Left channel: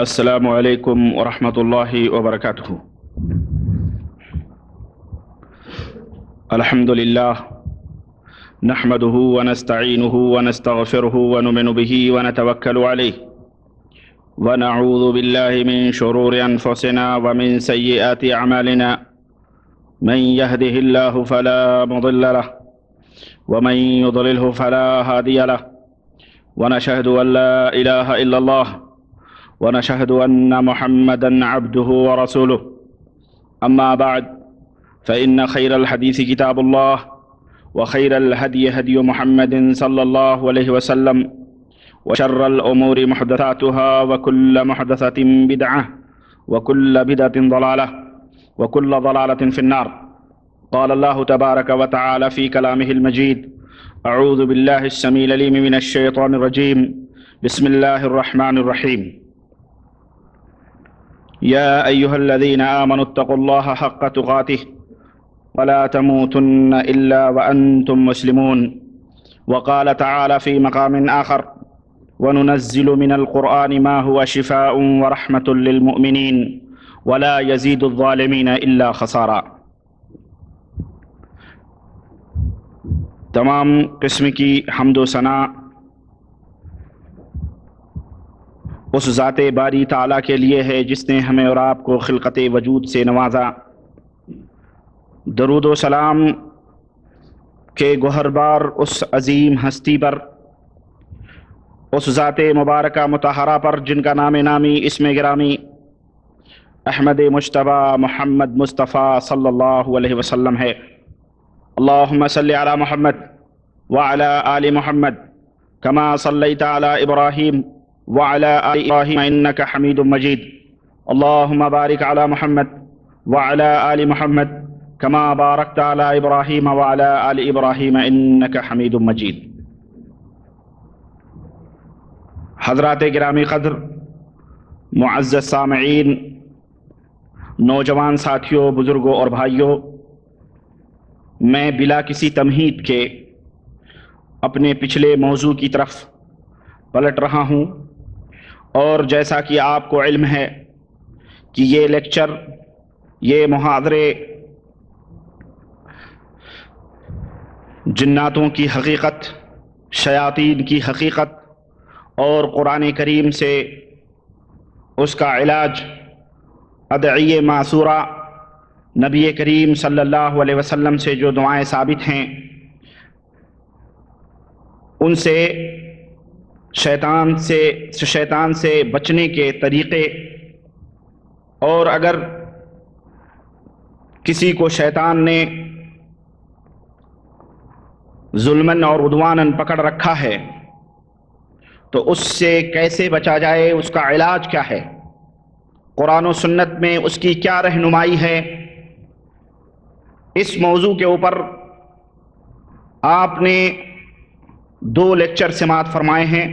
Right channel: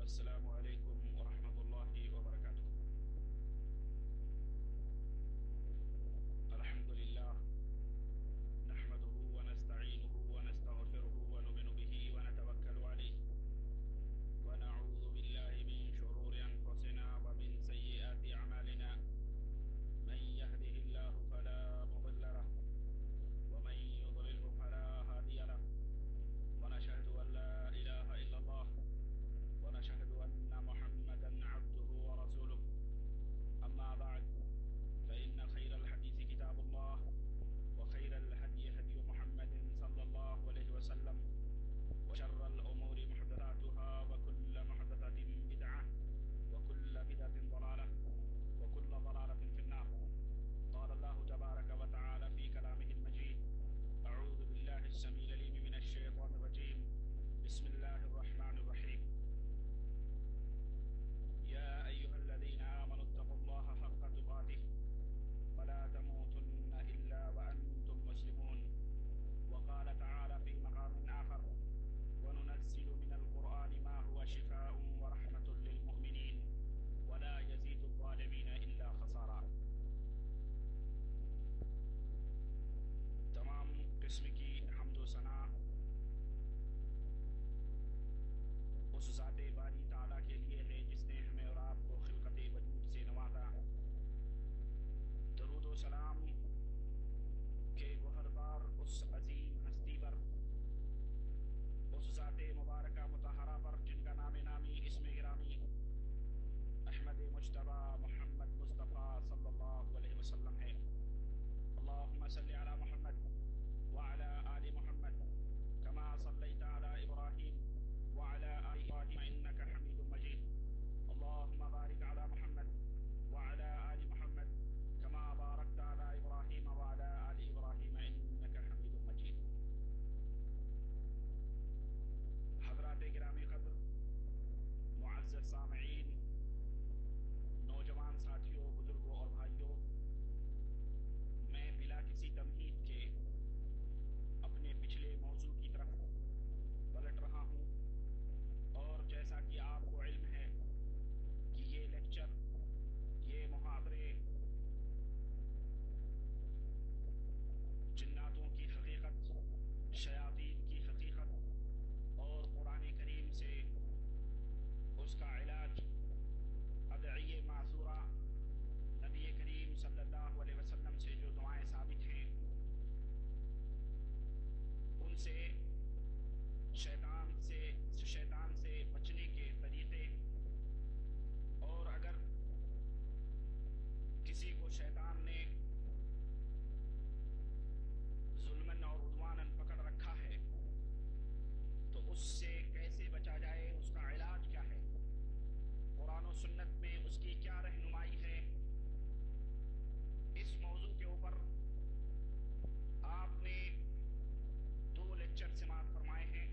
السلام علیکم ورحمۃ اللہ وبرکاتہ۔ الحمد للہ نحمده ونستعینه ونستغفره ونؤمن به ونتوکل علیہ ونعوذ باللہ من شرور انفسنا ومن سیئات اعمالنا من يهده الله فلا مضل له ومن يضلله فلا هادي له ونشهد ان لا اله الا الله ونشهد أن محمدًا عبده ورسوله. أما بعد فإن خير الحديث كتاب الله وخير الهدي هدي محمد صلى الله عليه وسلم وشر الأمور محدثاتها وكل محدثة بدعة وكل بدعة ضلالة وكل ضلالة في النار. قال الله تبارك وتعالى في كلامه المجيد: أعوذ بالله السميع العليم من الشيطان الرجيم. بسم الله الرحمن الرحيم. يا أيها الذين آمنوا اتقوا الله حق تقاته ولا تموتن إلا وأنتم مسلمون. وقال تعالى في مقام آخر: وننزل من القرآن ما هو شفاء ورحمة للمؤمنين ولا يزيد الظالمين إلا خسارا. تمام قسم کی حمد و ثنا اس ذات باری تعالیٰ کے لیے ہے جس نے ہمیں اور آپ کو خلقت وجود سے نوازا۔ درود و سلام کے گوہر بار اس عظیم ہستی پر، اس ذات مبارکہ مطہرہ پر جن کا نام نامی اسم گرامی احمد مجتبی محمد مصطفیٰ صلی اللہ علیہ وسلم ہے۔ اللہم صلی علی محمد وعلی آل محمد کما صلیت علی ابراہیم وعلى آل إبراهيم إنك حميد مجيد. اللهم بارك على محمد وعلى آل محمد كما باركت على إبراهيم وعلى آل إبراهيم إنك حميد مجيد. حضرات گرامی قدر، معزز سامعین، نوجوان ساتھیوں، بزرگوں اور بھائیوں، میں بلا کسی تمہید کے اپنے پچھلے موضوع کی طرف پلٹ رہا ہوں، اور جیسا کہ آپ کو علم ہے کہ یہ لیکچر، یہ محاضرے جناتوں کی حقیقت، شیاطین کی حقیقت اور قرآن کریم سے اس کا علاج، ادعیے معصورہ، نبی کریم صلی اللہ علیہ وسلم سے جو دعائیں ثابت ہیں ان سے شیطان سے بچنے کے طریقے، اور اگر کسی کو شیطان نے ظلماً اور عدواناً پکڑ رکھا ہے تو اس سے کیسے بچا جائے، اس کا علاج کیا ہے، قرآن و سنت میں اس کی کیا رہنمائی ہے، اس موضوع کے اوپر آپ نے 2 لیکچر سماعت فرمائے ہیں۔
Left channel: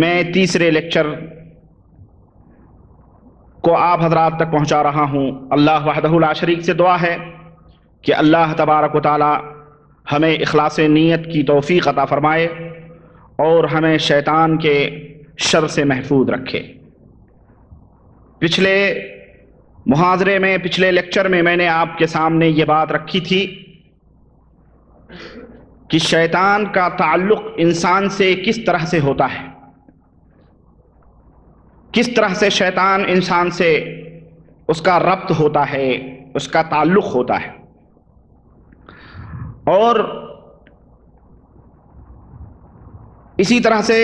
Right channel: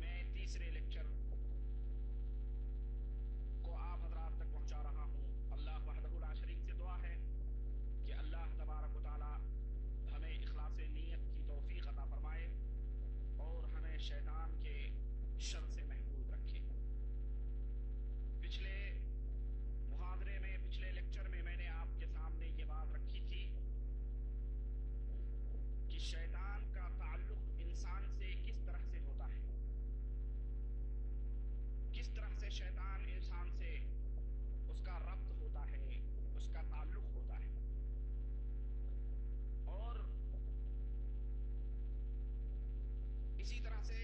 میں تیسرے لیکچر کو آپ حضرات تک پہنچا رہا ہوں۔ اللہ وحدہ لا شریک سے دعا ہے کہ اللہ تبارک و تعالی ہمیں اخلاص نیت کی توفیق عطا فرمائے اور ہمیں شیطان کے شر سے محفوظ رکھے۔ پچھلے محاضرے میں، پچھلے لیکچر میں نے آپ کے سامنے یہ بات رکھی تھی کہ شیطان کا تعلق انسان سے کس طرح سے ہوتا ہے، کس طرح سے شیطان انسان سے اس کا ربط ہوتا ہے، اس کا تعلق ہوتا ہے، اور اسی طرح سے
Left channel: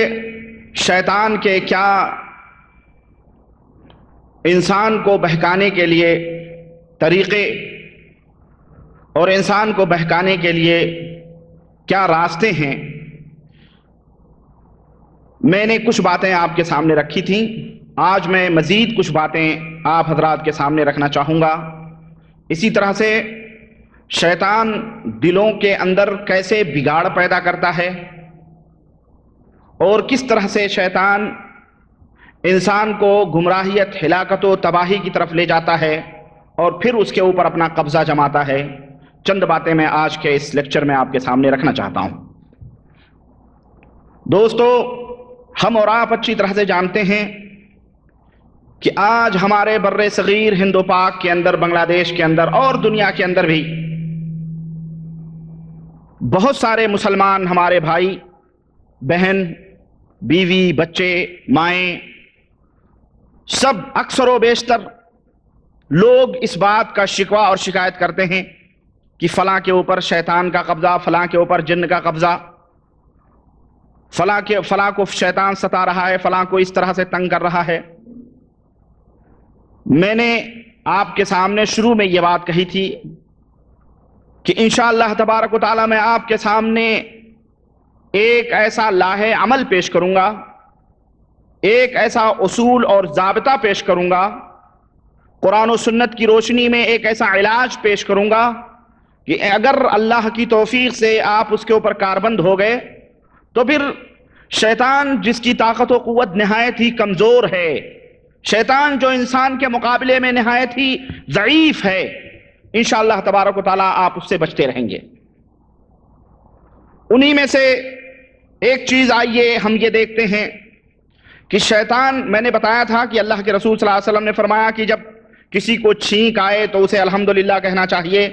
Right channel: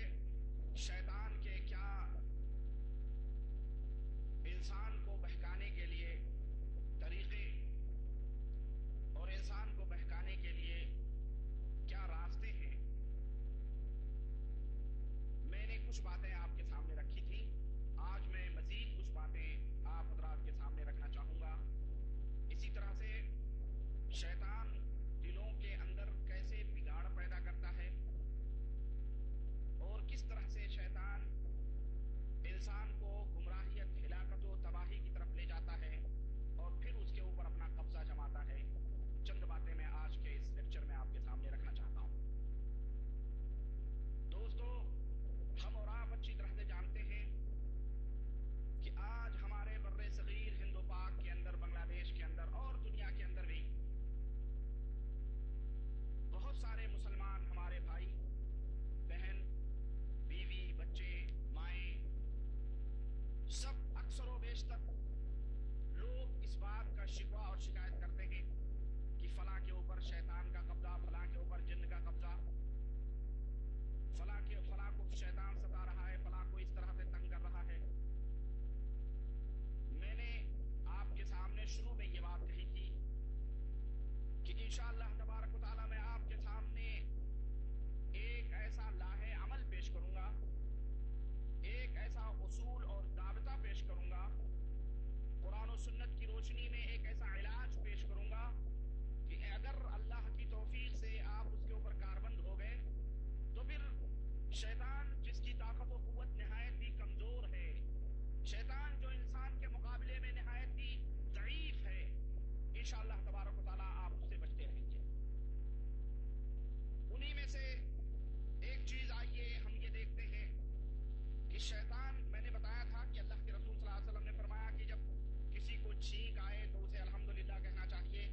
شیطان کے کیا انسان کو بہکانے کے لیے طریقے اور انسان کو بہکانے کے لیے کیا راستے ہیں۔ میں نے کچھ باتیں آپ کے سامنے رکھی تھیں، آج میں مزید کچھ باتیں آپ حضرات کے سامنے رکھنا چاہوں گا۔ اسی طرح سے شیطان دلوں کے اندر کیسے بگاڑ پیدا کرتا ہے اور کس طرح سے شیطان انسان کو گمراہیت، ہلاکت و تباہی کی طرف لے جاتا ہے اور پھر اس کے اوپر اپنا قبضہ جماتا ہے، چند باتیں میں آج کے اس لیکچر میں آپ کے سامنے رکھنا چاہتا ہوں۔ دوستو، ہم اور آپ اچھی طرح سے جانتے ہیں کہ آج ہمارے بر صغیر ہند و پاک کے اندر، بنگلہ دیش کے اندر اور دنیا کے اندر بھی بہت سارے مسلمان ہمارے بھائی بہن، بیوی، بچے، مائیں، سب اکثر و بیشتر لوگ اس بات کا شکوہ اور شکایت کرتے ہیں کہ فلاں کے اوپر شیطان کا قبضہ، فلاں کے اوپر جن کا قبضہ، فلاں کو شیطان ستا رہا ہے، فلاں کو اس طرح سے تنگ کر رہا ہے۔ میں نے آپ کے سامنے شروع میں یہ بات کہی تھی کہ انشاءاللہ تبارک و تعالی میں آپ کے سامنے ایک ایسا لاہ عمل پیش کروں گا، ایک ایسا اصول اور ضابطہ پیش کروں گا، قرآن و سنت کی روشنی میں ایک ایسا علاج پیش کروں گا کہ اگر اللہ کی توفیق سے آپ اس کے اوپر کاربند ہو گئے تو پھر شیطان، جس کی طاقت و قوت نہایت ہی کمزور ہے، شیطان جو انسان کے مقابلے میں نہایت ہی ضعیف ہے، انشاءاللہ تبارک و تعالیٰ آپ اس سے بچتے رہیں گے۔ انہی میں سے ایک چیز آئیے ہم یہ دیکھتے ہیں کہ شیطان، میں نے بتایا تھا کہ اللہ کے رسول صلی اللہ علیہ وسلم نے فرمایا کہ جب کسی کو چھینک آئے تو اسے الحمدللہ کہنا چاہیے،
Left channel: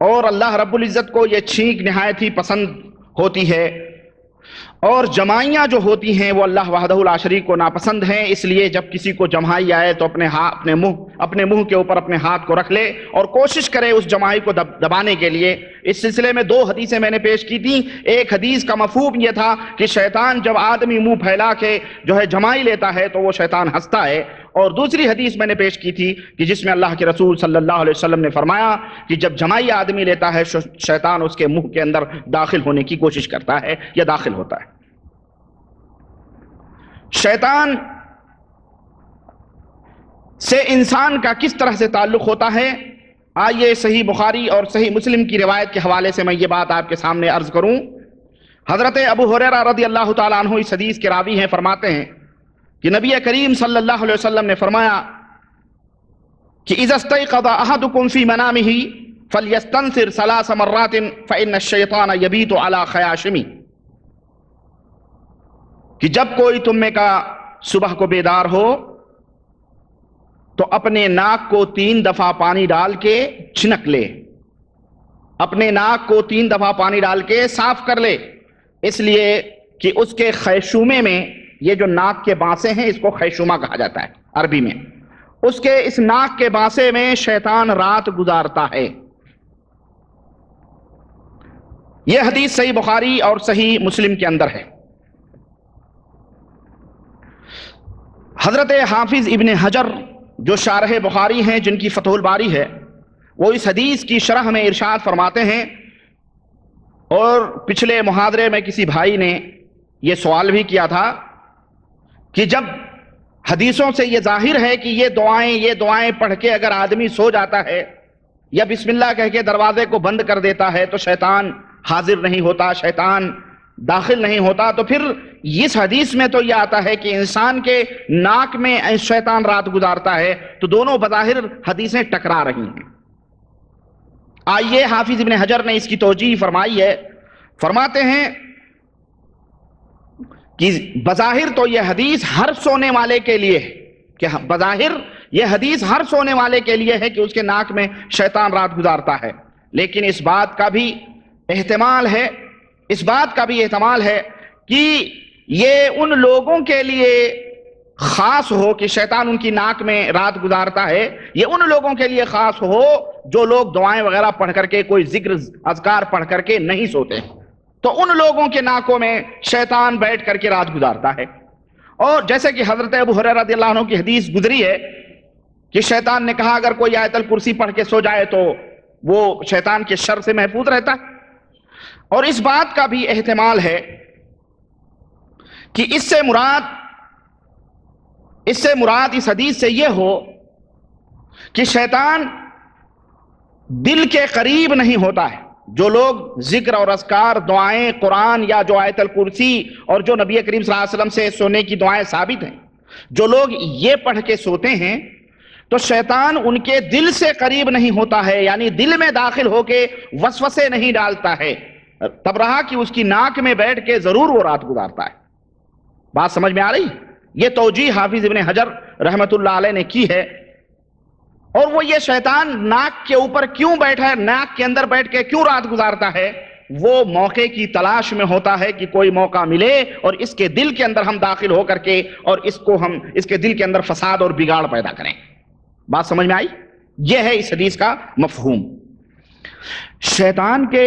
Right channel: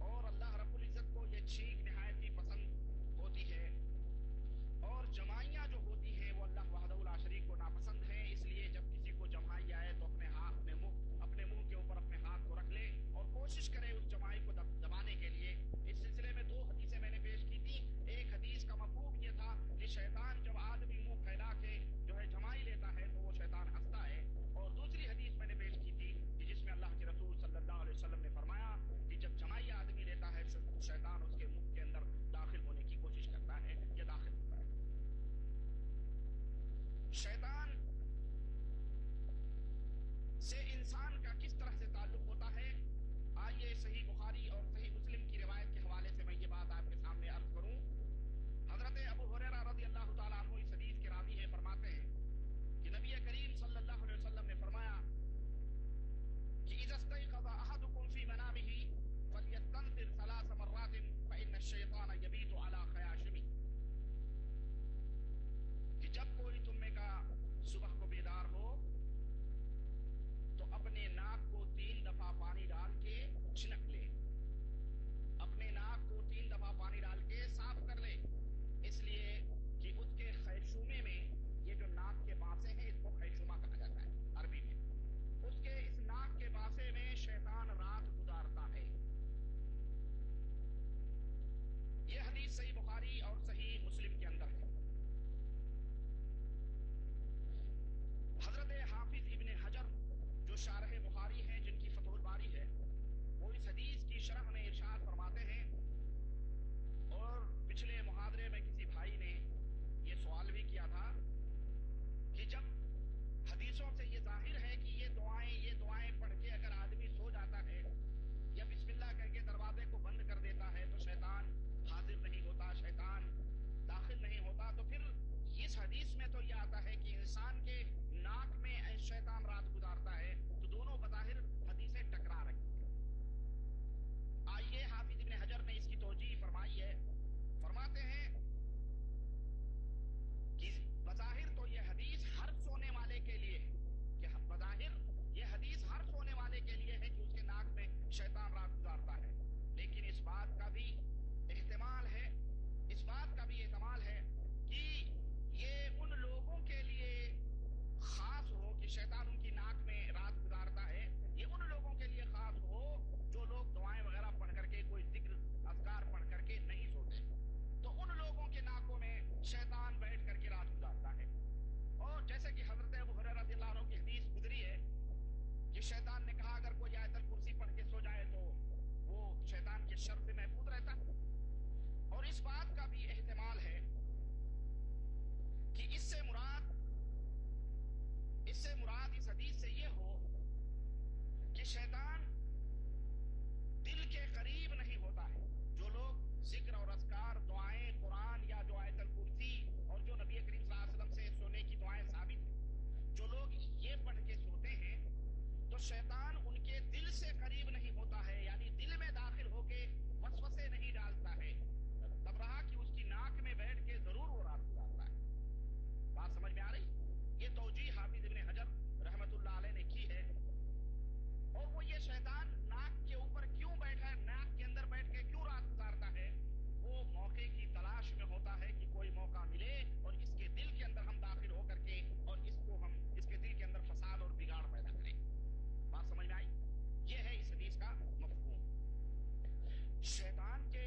اور اللہ رب العزت کو یہ چھینک نہایت ہی پسند ہوتی ہے، اور جمائیاں جو ہوتی ہیں وہ اللہ وحدہ لا شریک کو ناپسند ہیں۔ اس لیے جب کسی کو جمائی آئے تو اپنے منہ کے اوپر اپنے ہاتھ کو رکھ لے اور کوشش کرے اس جمائی کو دبانے کے لیے۔ اس سلسلے میں 2 حدیثیں میں نے پیش کی تھیں۔ ایک حدیث کا مفہوم یہ تھا کہ شیطان جب آدمی منہ پھیلا کے جو ہے جمائی لیتا ہے تو وہ شیطان ہنستا ہے، اور دوسری حدیث میں نے پیش کی تھی کہ جس میں اللہ کے رسول صلی اللہ علیہ وسلم نے فرمایا کہ جب جمائی آدمی لیتا ہے شیطان اس کے منہ کے اندر داخل ہونے کی کوشش کرتا ہے یا داخل ہوتا ہے۔ شیطان سے انسان کا کس طرح سے تعلق ہوتا ہے، آئیے صحیح بخاری اور صحیح مسلم کی روایت کے حوالے سے میں یہ بات آپ کے سامنے عرض کروں۔ حضرت ابو ہریرہ رضی اللہ تعالیٰ عنہ اس حدیث کے راوی ہیں، فرماتے ہیں کہ نبی کریم صلی اللہ علیہ وسلم نے فرمایا کہ اذا استيقظ احدكم في منامه فليستنثر 3 مرات فإن الشيطان يبيت على خياشمه، کہ جب کوئی تم میں کا صبح کو بیدار ہو تو اپنے ناک کو 3 دفعہ پانی ڈال کے چھنک لے، اپنے ناک کو 3 دفعہ پانی ڈال کے صاف کر لے، اس لیے کہ اس کے خیشومے میں، یہ جو ناک کے بانسے ہیں اس کو خیشومہ کہا جاتا ہے عربی میں، اس کے اس ناک کے بانسے میں شیطان رات گزارتا ہے۔ یہ حدیث صحیح بخاری اور صحیح مسلم کے اندر ہے۔ حضرت حافظ ابن حجر جو شارح بخاری ہیں، جن کی فتح الباری ہے، وہ اس حدیث کی شرح میں ارشاد فرماتے ہیں، اور پچھلے محاضرے میں کسی بھائی نے یہ سوال بھی کیا تھا کہ جب حدیثوں سے یہ ظاہر ہے کہ یہ دعائیں پڑھ کے اگر آدمی سو جاتا ہے یا بسم اللہ کہہ کے دروازے کو بند کر دیتا ہے تو شیطان حاضر نہیں ہوتا، شیطان داخل نہیں ہوتا، تو پھر اس حدیث میں تو یہ آتا ہے کہ انسان کے ناک میں شیطان رات گزارتا ہے، تو دونوں بظاہر حدیثیں ٹکرا رہی ہیں۔ آئیے حافظ ابن حجر نے اس کی توجیہ فرمائی ہے، فرماتے ہیں کہ بظاہر تو یہ حدیث ہر سونے والے کے لیے ہے، کہ بظاہر یہ حدیث ہر سونے والے کے لیے ہے کہ اس کے ناک میں شیطان رات گزارتا ہے، لیکن اس بات کا بھی احتمال ہے کہ یہ ان لوگوں کے لیے خاص ہو کہ شیطان ان کی ناک میں رات گزارتا ہے، یہ ان لوگوں کے لیے خاص ہو جو لوگ دعائیں وغیرہ پڑھ کر کے، کوئی ذکر اذکار پڑھ کر کے نہیں سوتے، تو ان لوگوں کے ناکوں میں شیطان بیٹھ کر کے رات گزارتا ہے۔ اور جیسے کہ حضرت ابو ہریرہ رضی اللہ عنہ کی حدیث گزری ہے کہ شیطان نے کہا اگر کوئی آیت الکرسی پڑھ کے سو جائے تو وہ شیطان کے شر سے محفوظ رہتا ہے۔ اور اس بات کا بھی احتمال ہے کہ اس سے مراد اس حدیث سے یہ ہو کہ شیطان دل کے قریب نہیں ہوتا ہے۔ جو لوگ ذکر اور اذکار، دعائیں، قرآن یا جو آیت الکرسی اور جو نبی کریم صلی اللہ علیہ وسلم سے سونے کی دعائیں ثابت ہیں، جو لوگ یہ پڑھ کے سوتے ہیں تو شیطان ان کے دل سے قریب نہیں ہوتا ہے، یعنی دل میں داخل ہو کے وسوسے نہیں ڈالتا ہے، تب رہا کہ اس کی ناک میں بیٹھ کے ضرور وہ رات گزارتا ہے۔ بات سمجھ میں آ رہی؟ یہ توجیہ حافظ ابن حجر رحمت اللہ علیہ نے کی ہے، اور وہ یہ شیطان ناک کے اوپر کیوں بیٹھا ہے، ناک کے اندر بیٹھ کے کیوں رات گزارتا ہے، وہ موقع کی تلاش میں ہوتا ہے کہ کوئی موقع ملے اور اس کے دل کے اندر ہم داخل ہو کر کے اور اس کے دل کے اندر فساد اور بگاڑ پیدا کریں۔ بات سمجھ میں آئی؟ یہ ہے اس حدیث کا مفہوم۔ شیطان کے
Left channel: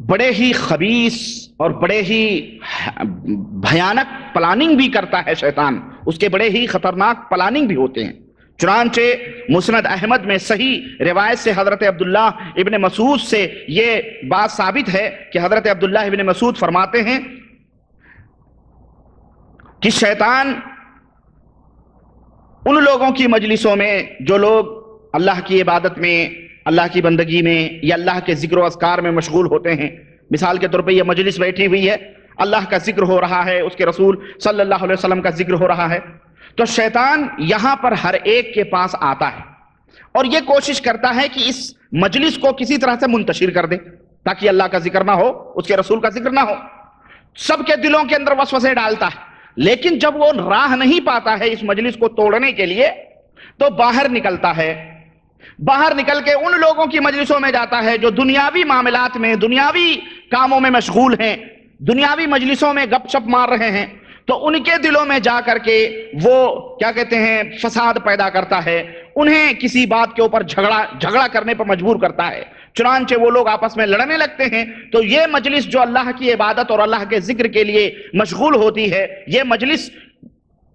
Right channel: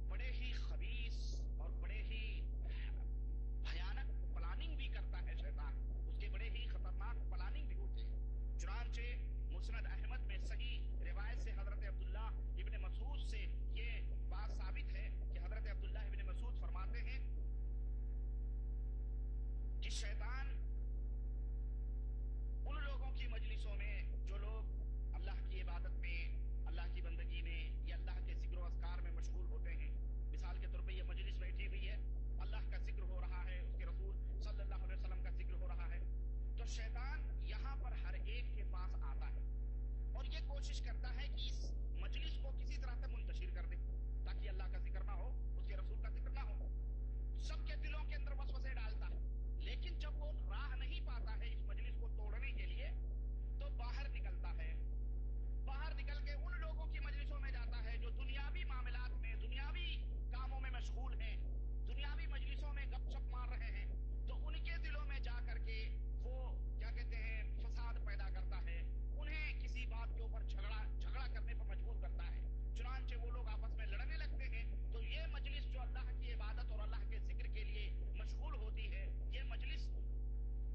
بڑے ہی خبیث اور بڑے ہی بھیانک پلاننگ بھی کرتا ہے شیطان، اس کے بڑے ہی خطرناک پلاننگ بھی ہوتے ہیں۔ چنانچہ مسند احمد میں صحیح روایت سے حضرت عبداللہ ابن مسعود سے یہ بات ثابت ہے کہ حضرت عبداللہ ابن مسعود فرماتے ہیں کہ شیطان ان لوگوں کی مجلسوں میں جو لوگ اللہ کی عبادت میں، اللہ کی بندگی میں یا اللہ کے ذکر و اذکار میں مشغول ہوتے ہیں، مثال کے طور پہ یہ مجلس بیٹھی ہوئی ہے، اللہ کا ذکر ہو رہا ہے، اس کے رسول صلی اللہ علیہ وسلم کا ذکر ہو رہا ہے، تو شیطان یہاں پر ہر ایک کے پاس آتا ہے اور یہ کوشش کرتا ہے کہ اس مجلس کو کسی طرح سے منتشر کر دے تاکہ اللہ کا ذکر نہ ہو، اس کے رسول کا ذکر نہ ہو۔ سب کے دلوں کے اندر وسوسے ڈالتا ہے، لیکن جب وہ راہ نہیں پاتا ہے اس مجلس کو توڑنے کے لیے تو باہر نکلتا ہے، باہر نکل کے ان لوگوں کی مجلسوں میں جاتا ہے جو دنیاوی معاملات میں، دنیاوی کاموں میں مشغول ہیں، دنیاوی مجلسوں میں گپ شپ مار رہے ہیں، تو ان کے دلوں میں جا کر کے وہ کیا کہتے ہیں فساد پیدا کرتا ہے، انہیں کسی بات کے اوپر جھگڑا کرنے پر مجبور کرتا ہے، چنانچہ وہ لوگ آپس میں لڑنے لگتے ہیں۔ تو یہ مجلس جو اللہ کی عبادت اور اللہ کے ذکر کے لیے مشغول ہوتی ہے، یہ مجلس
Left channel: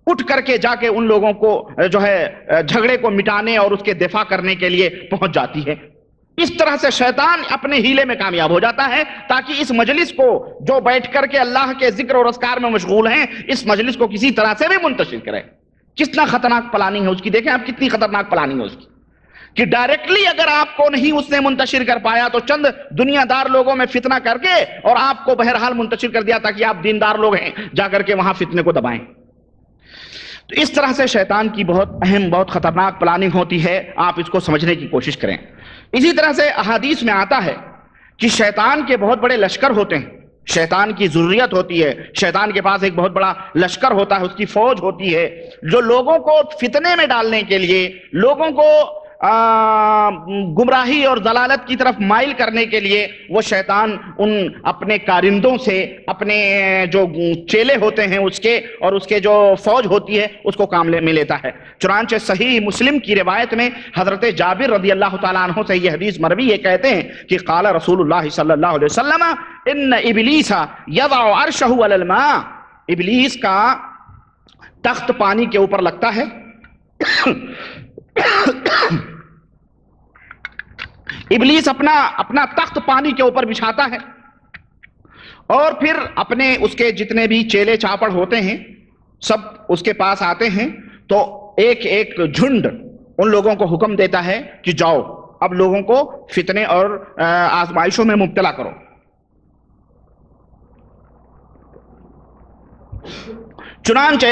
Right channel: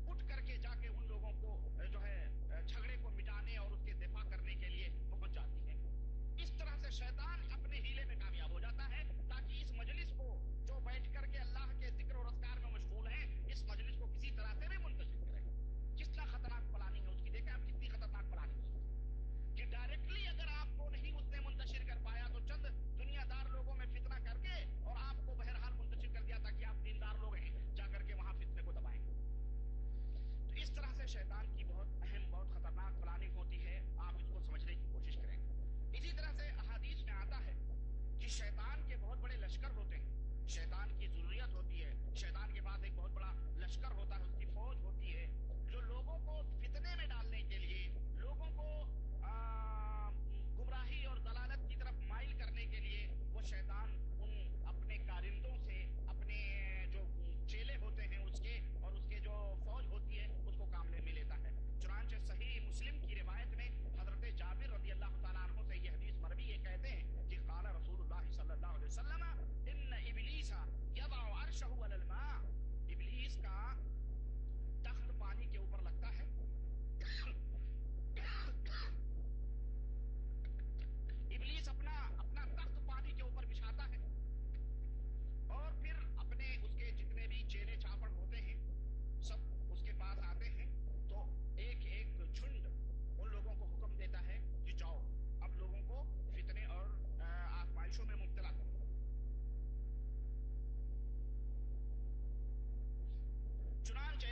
اٹھ کر کے جا کے ان لوگوں کو جو ہے جھگڑے کو مٹانے اور اس کے دفاع کرنے کے لیے پہنچ جاتی ہے۔ اس طرح سے شیطان اپنے ہیلے میں کامیاب ہو جاتا ہے تاکہ اس مجلس کو جو بیٹھ کر کے اللہ کے ذکر اور اذکار میں مشغول ہیں، اس مجلس کو کسی طرح سے بھی منتشر کرے۔ کتنا خطرناک پلاننگ ہے اس کی، دیکھیں آپ کتنی خطرناک پلاننگ ہے اس کی، کہ ڈائریکٹلی اگر آپ کو نہیں اس نے منتشر کر پایا تو چند دنیا دار لوگوں میں فتنہ کر کے اور آپ کو بہرحال منتشر کر دیا تاکہ آپ دیندار لوگ ہیں جا کر کے وہاں فتنے کو دبائیں۔ تو اس طرح سے شیطان کی بہت اہم، بہت خطرناک پلاننگ ہوتی ہے، آپ اس کو سمجھنے کی کوشش کریں۔ اسی طرح سے احادیث میں آتا ہے کہ شیطان کے بہت بڑے لشکر ہوتے ہیں، شیطان کی ضروریت ہوتی ہے، شیطان کے پاس ایک بہت بڑا لشکر ہوتا ہے، اس کی فوج ہوتی ہے، جو لوگوں کو فتنے میں ڈالنے کے لیے، لوگوں کو گمراہی اور ضلالت کی طرف مائل کرنے کے لیے وہ شیطان ان اپنے کارندوں سے، اپنے جو چیلے ہوتے ہیں اس کے اور اس کے جو فوج ہوتی ہے اس کو کام میں لیتا ہے۔ چنانچہ صحیح مسلم کی روایت میں حضرت جابر رضی اللہ تعالیٰ عنہ سے یہ حدیث مروی ہے، کہتے ہیں کہ قال رسول اللہ صلی اللہ علیہ وسلم ان ابلیس یضع عرشہ علی الماء، ابلیس کا تخت پانی کے اوپر لگتا ہے، ابلیس اپنا تخت پانی کے اوپر بچھاتا ہے اور پھر اپنے اس کے جتنے بھی چیلے چاپڑ ہوتے ہیں سب اس کے پاس آتے ہیں، تو ایک ایک جھنڈ ان لوگوں کو حکم دیتا ہے کہ جاؤ اب لوگوں کو فتنے اور آزمائشوں میں مبتلا کرو۔ چنانچہ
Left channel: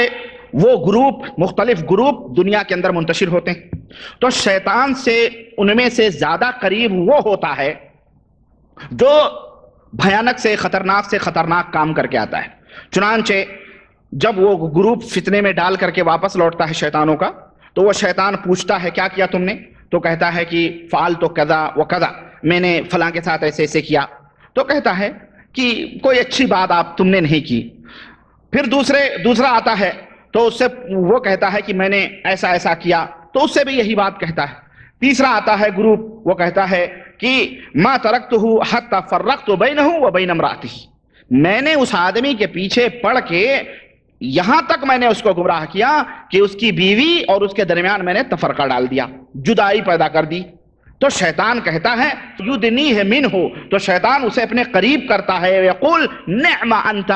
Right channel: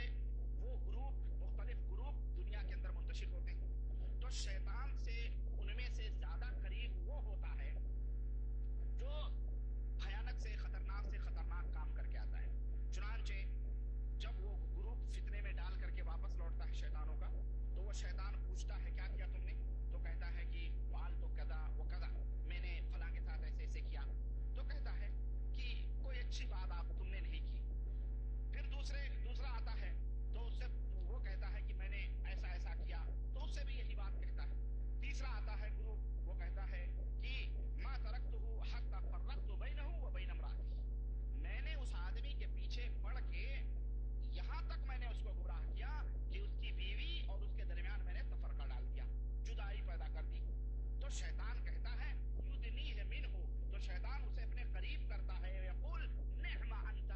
وہ گروپ، مختلف گروپ دنیا کے اندر منتشر ہوتے ہیں، تو شیطان سے ان میں سے زیادہ قریب وہ ہوتا ہے جو بھیانک سے خطرناک کام کر کے آتا ہے۔ چنانچہ جب وہ گروپ فتنے میں ڈال کر کے واپس لوٹتا ہے شیطانوں کا، تو وہ شیطان پوچھتا ہے کیا کیا تم نے؟ تو کہتا ہے کہ فعلت کذا و کذا، میں نے فلاں کے ساتھ ایسے ایسے کیا۔ تو کہتا ہے کہ کوئی اچھی بات تم نے نہیں کی۔ پھر دوسرا آتا ہے تو اس سے وہ کہتا ہے کہ میں نے ایسا ایسا کیا، تو اس سے بھی یہی بات کہتا ہے۔ تیسرا آتا ہے گروپ، وہ کہتا ہے کہ ما ترکتہ حتی فرقت بینہ و بین امرأتہ، میں نے اس آدمی کے پیچھے پڑ کے یہاں تک میں نے اس کو گمراہ کیا کہ اس کی بیوی اور اس کے درمیان میں نے تفرقہ ڈال دیا، جدائی پیدا کر دی۔ تو شیطان کہتا ہے یدنیہ منہ، تو شیطان اسے اپنے قریب کرتا ہے، یقول نعم انت،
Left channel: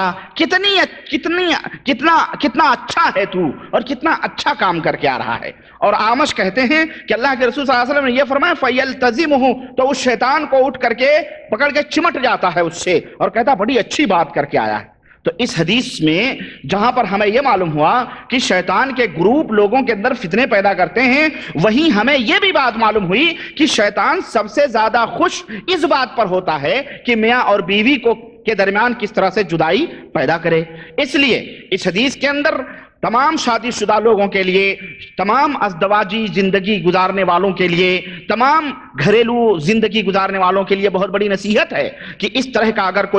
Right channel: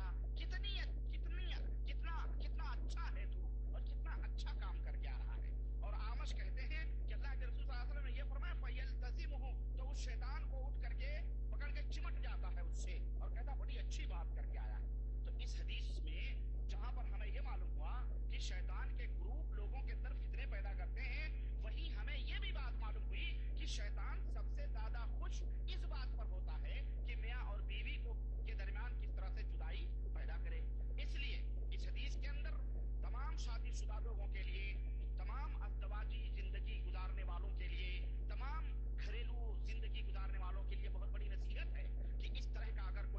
کتنا اچھا ہے تو اور کتنا اچھا کام کر کے آ رہا ہے۔ اور آمش کہتے ہیں کہ اللہ کے رسول صلی اللہ علیہ وسلم نے یہ فرمایا فَيَلْتَزِمُهُ، تو اس شیطان کو اٹھ کر کے پکڑ کے چمٹ جاتا ہے اس سے اور کہتا بڑی اچھی بات کر کے آیا ہے۔ تو اس حدیث میں جہاں پر ہمیں یہ معلوم ہوا کہ شیطان کے گروپ لوگوں کے اندر فتنے پیدا کرتے ہیں، وہیں ہمیں یہ بھی بات معلوم ہوئی کہ شیطان سب سے زیادہ خوش اس بات پر ہوتا ہے کہ میاں اور بیوی کے درمیان کس طرح سے جدائی پیدا کرے۔ اس لیے اس حدیث کے اندر تمام شادی شدہ لوگوں کے لیے، تمام ازدواجی زندگی گزارنے والوں کے لیے، تمام گھریلو زندگی گزارنے والوں کے لیے بہت بڑی نصیحت ہے کہ اس طرح کا اگر کوئی